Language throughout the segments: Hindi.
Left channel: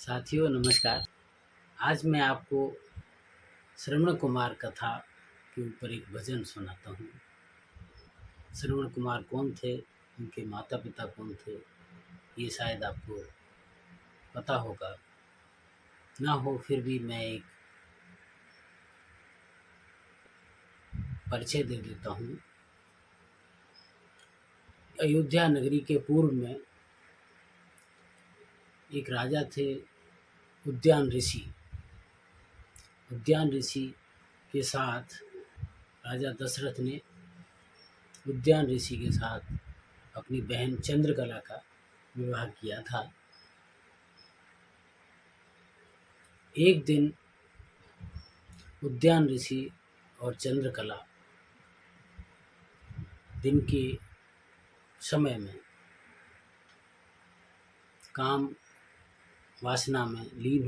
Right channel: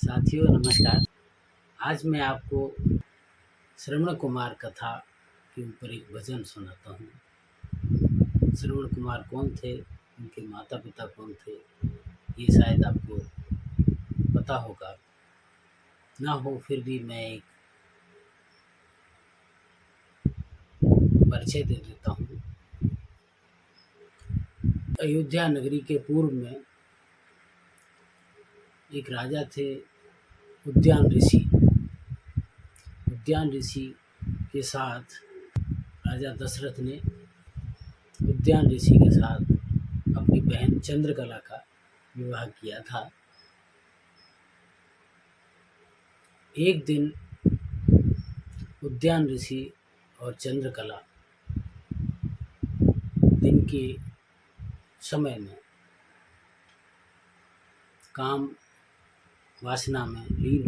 साथियों नमस्कार। आज मैं आपको श्रवण कुमार कथा के ऊपर एक भजन सुनाता हूँ। श्रवण कुमार कौन थे, उनके माता पिता कौन थे, ये शायद आपको पता होगा, ना हो फिर भी मैं एक परिचय दे देता हूँ। अयोध्या नगरी के पूर्व में एक राजा थे, उद्यान ऋषि। उद्यान ऋषि के साथ राजा दशरथ ने उद्यान ऋषि के साथ अपनी बहन चंद्रकला का विवाह किया था। एक दिन उद्यान ऋषि और चंद्रकला दिन के समय में काम वासना में लीन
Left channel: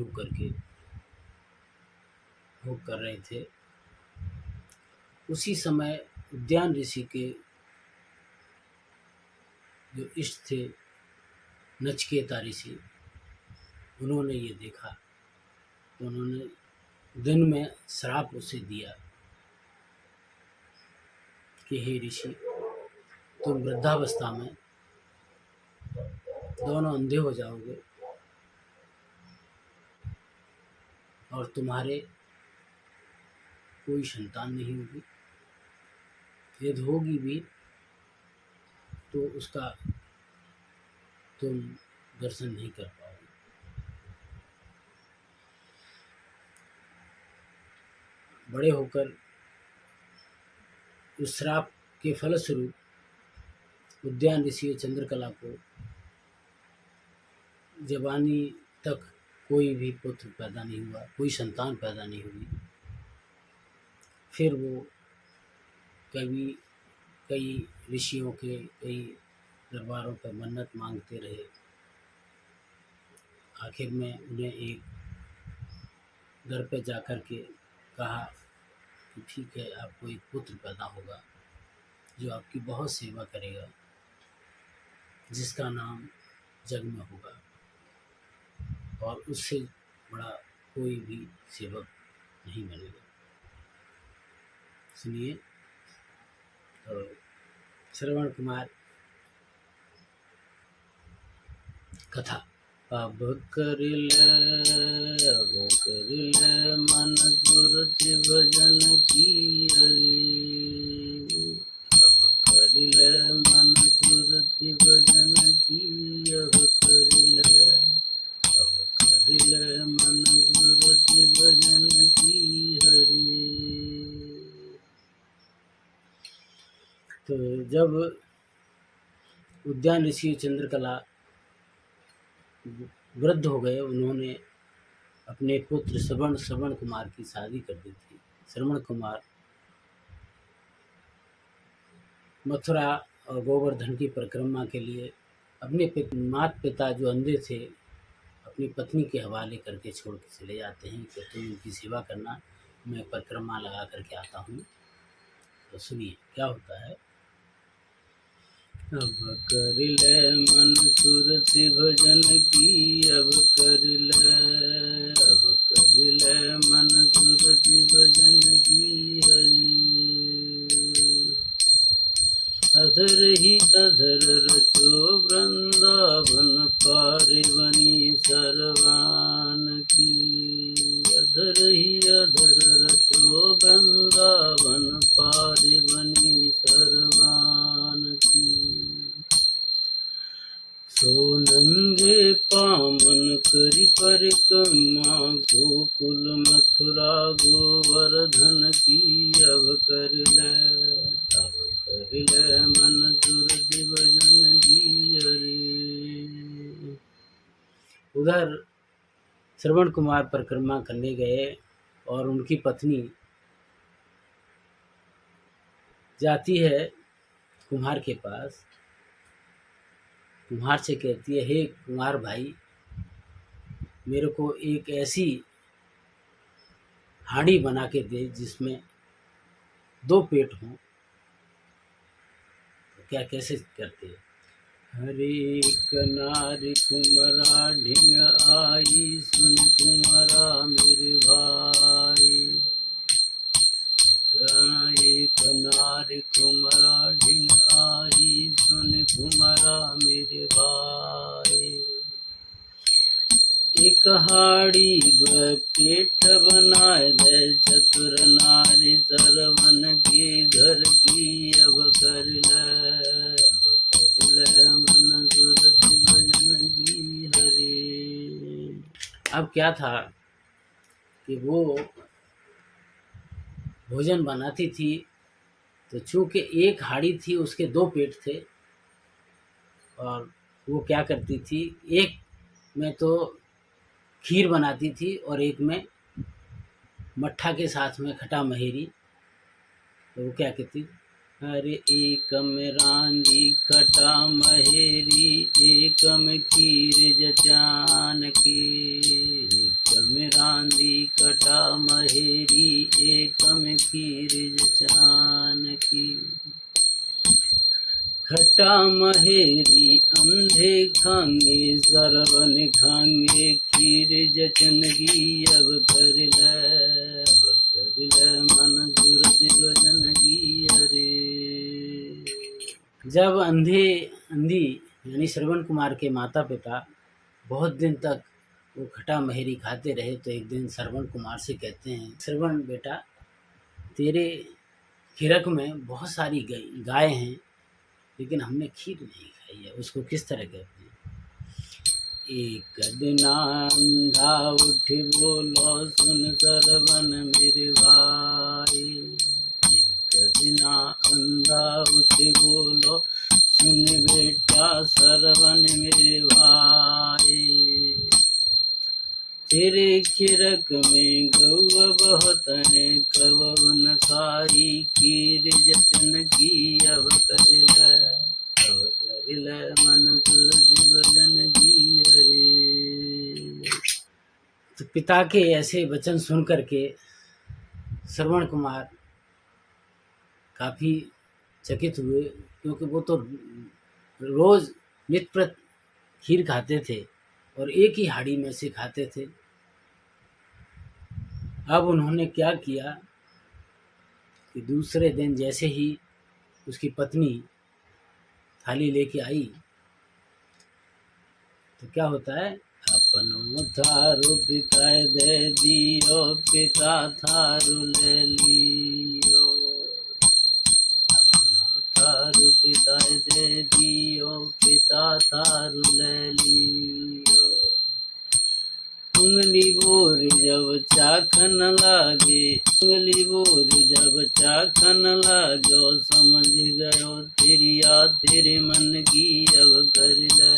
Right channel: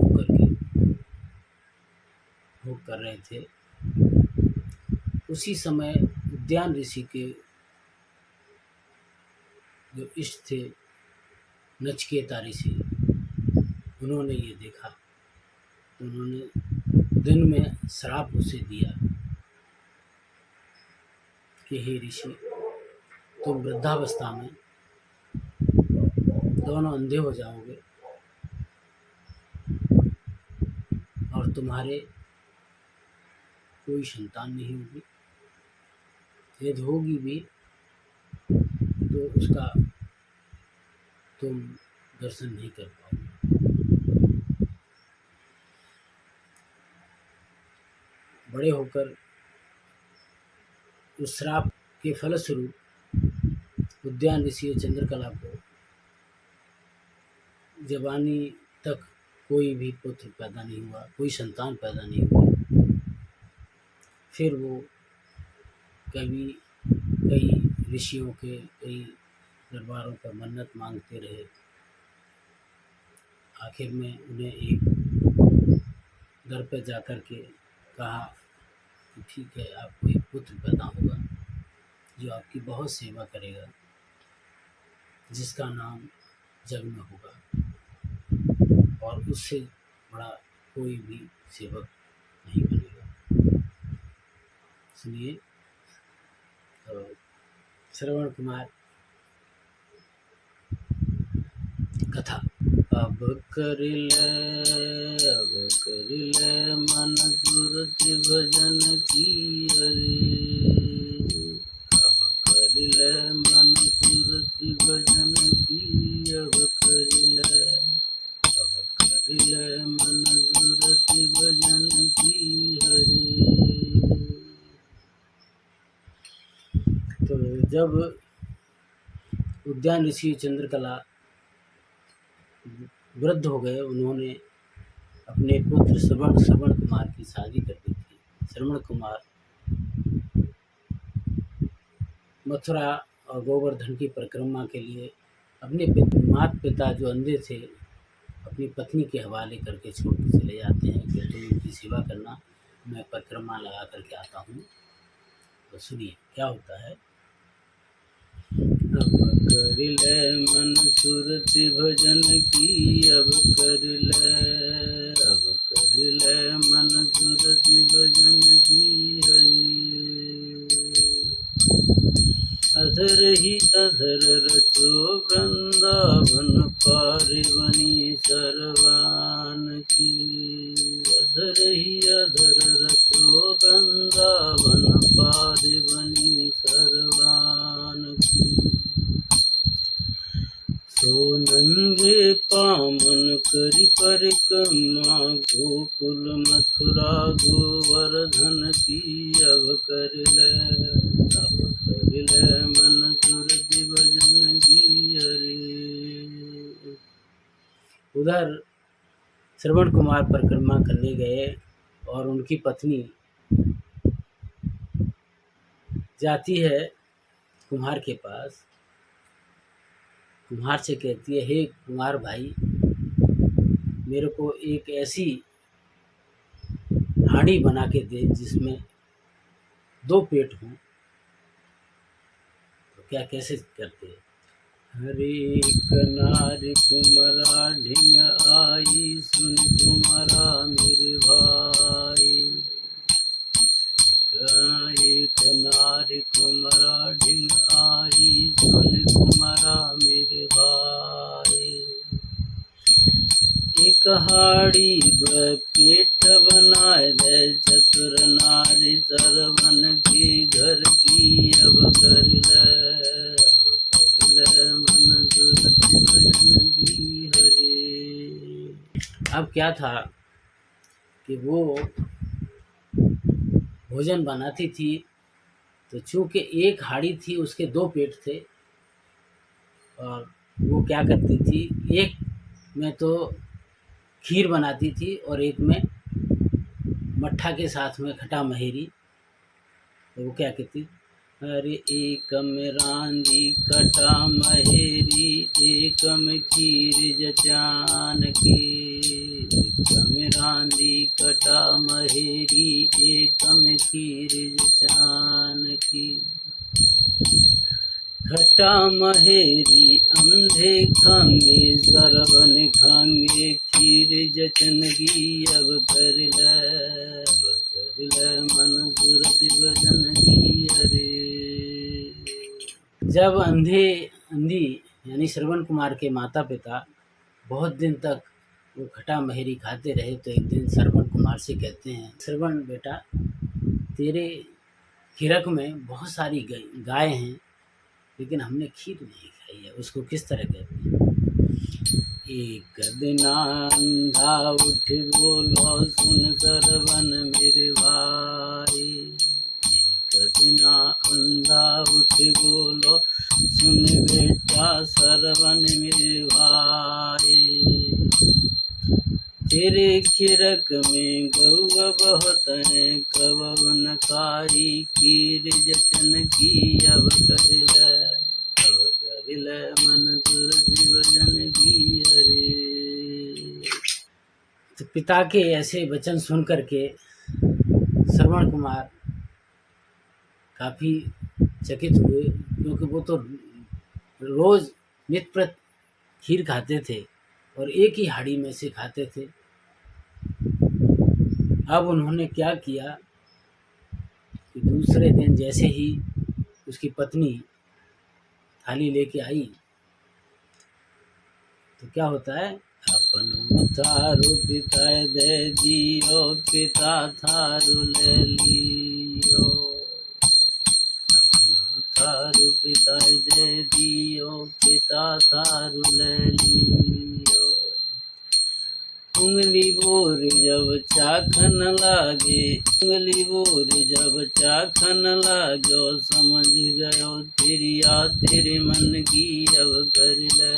होकर रहे थे। उसी समय उद्यान ऋषि के जो इष्ट थे नचिकेता ऋषि, उन्होंने ये देखा तो उन्होंने दिन में श्राप उसे दिया कि हे ऋषि, तुम वृद्धावस्था में दोनों अंधे हो जाओगे और तुम्हारे कोई संतान नहीं होगी। यदि होगी भी तो उसका तुम दर्शन नहीं कर पाओगे। बड़े होकर उस श्राप के फलस्वरूप उद्यान ऋषि चंद्रकला को जवानी तक कोई भी पुत्र पैदा नहीं हुआ, कोई संतान पैदा नहीं हुई। फिर वो कई ऋषियों के कई दरबारों पर मन्नत मांगते रहे। आखिर में उन्हें एक दर पे जाकर के कहा कि ठीक है, आपको एक पुत्र पैदा होगा जो आपकी बहुत सेवा करेगा, जिसका नाम जग में होगा और उससे बड़ा कोई भी सेवक नहीं बनेगा। सुनिए तो श्रवण कुमार कथा। अब कर ले मन सुरति भजन की अरे। अब कर ले मन सुरति भजन की, अब कर ले मन सुरति भजन की हरि। तो जब उद्यान ऋषि चंद्रकला वृद्ध हो गए, उन्होंने अपने पुत्र श्रवण कुमार की शादी कर दी थी। श्रवण कुमार मथुरा और गोवर्धन की परिक्रमा के लिए अपने माता पिता जो अंधे थे अपनी पत्नी के हवाले करके छोड़ के चले जाते हैं कि तुम उनकी सेवा करना, मैं परिक्रमा लगा करके आता हूँ। तो सुनिए क्या होता है। अब कर ले मन सुरति भजन की, अब कर ले मन सुरति भजन की हरि। अधर ही अधर रचो वृंदावन पारिवनी सरवान की। अधर ही अधर रचो वृंदावन पारिवनी सरवान की। सो नंगे पामन करी परिक्रमा, गोकुल मथुरा गोवर्धन की। अब कर ले मन सुरति भजन की हरि। उधर श्रवण कुमार परिक्रमा करने गए और उनकी पत्नी जाती है कुम्हार के पास। कुम्हार से कहती है, हे कुम्हार भाई, मेरे को एक ऐसी हांडी बना के दे जिसमें 2 पेट हों। तो क्या कैसे करते हैं। हरे कनार कुमरा ढिंग आई एक हाड़ी द्व पेट बनाए दे चतुर नारी सरवन की घर की अब कर ले मन सुरति भजन की हरे। अब क्या था कि वो भोजन बनाती थी तो चूंकि एक हाड़ी थी उसके दो पेट थे और वो क्या करती थी, एक में तो खीर बनाती थी और एक में मट्ठा के साथ में खटा महेरी। तो वो क्या कहती, अरे एक में रांधी खटा महेरी एक में खीर जचान की, एक में रांधी खटा महेरी एक में खीर जचान की। खटा महेरी अंधे खांगे सरवन खांगे खीर जचनगी अब कर ले मन सुरति भजन की हरे। जब अंधी यानी श्रवण कुमार के माता पिता बहुत दिन तक वो खटा महेरी खाते रहे तो एक दिन श्रवण कुमार से कहते हैं, श्रवण बेटा तेरे खिरक में बहुत सारी गाय हैं लेकिन हमने खीर नहीं खाई है, उसको किस तरह कहते हैं। एक दिन अंधा उठ बोलो सुन सरवन मेरे भाई, एक दिन अंधा उठ बोलो सुन बेटा सरवन मेरे भाई। तेरे खिरक में गौआ बहुत है कब न खाई खीर जचन की अब कर ले मन सुरति भजन की हरे। तो पिता के ऐसे वचन सुन करके श्रवण कुमार काफ़ी चकित हुए क्योंकि वो तो रोज़ नित्य प्रत खीर खाते थे और एक ही हाड़ी में से खाते थे। अब उन्होंने क्या किया कि दूसरे दिन जैसे ही उसकी पत्नी थाली लेके आई तो क्या होता है, अपनो थारू पिता दे दियो पिता थारू ले लियो, अपनो थारू पिता दे दियो पिता थारू ले लियो। उंगली बोर जब चाखन लागे उंगली बोर जब चाखन लागो समझ गयो तेरिया तेरे मन की अब कर ले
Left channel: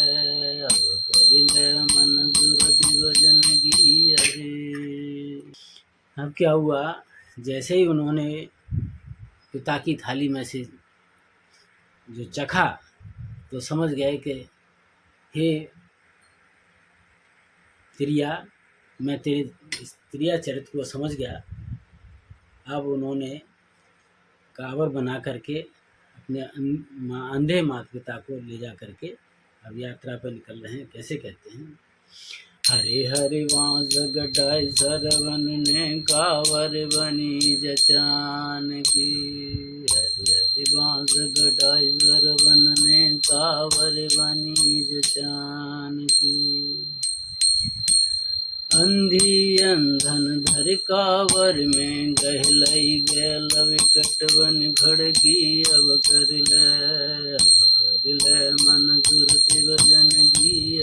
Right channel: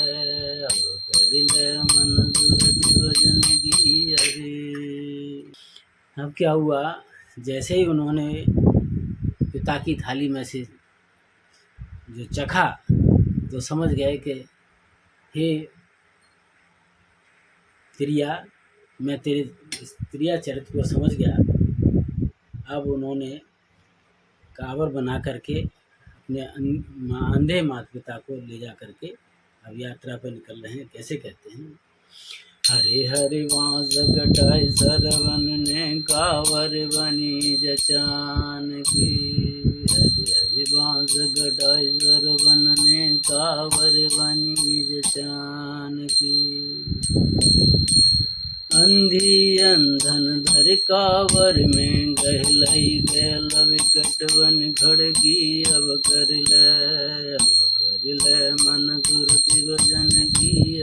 मन सुरति भजन की हरे। अब क्या हुआ, जैसे ही उन्होंने पिता की थाली में से जो चखा तो समझ गए कि हे त्रिया, मैं तेरे त्रिया चरित्र को समझ गया। अब उन्होंने कांवर बना करके अपने अंधे माता पिता को ले जा करके अब यात्रा पर निकल रहे हैं। कैसे कहते हैं, हरे हरे बांस गटाई सरवन ने कांवर बनी जचान की, हरे हरे बांस गटाई सरवन ने कांवर बनी जचान की। अंधी अंधन धर कावर में गहलई गैल विकट बन खड़गी अब कर ले मन सुरति भजन की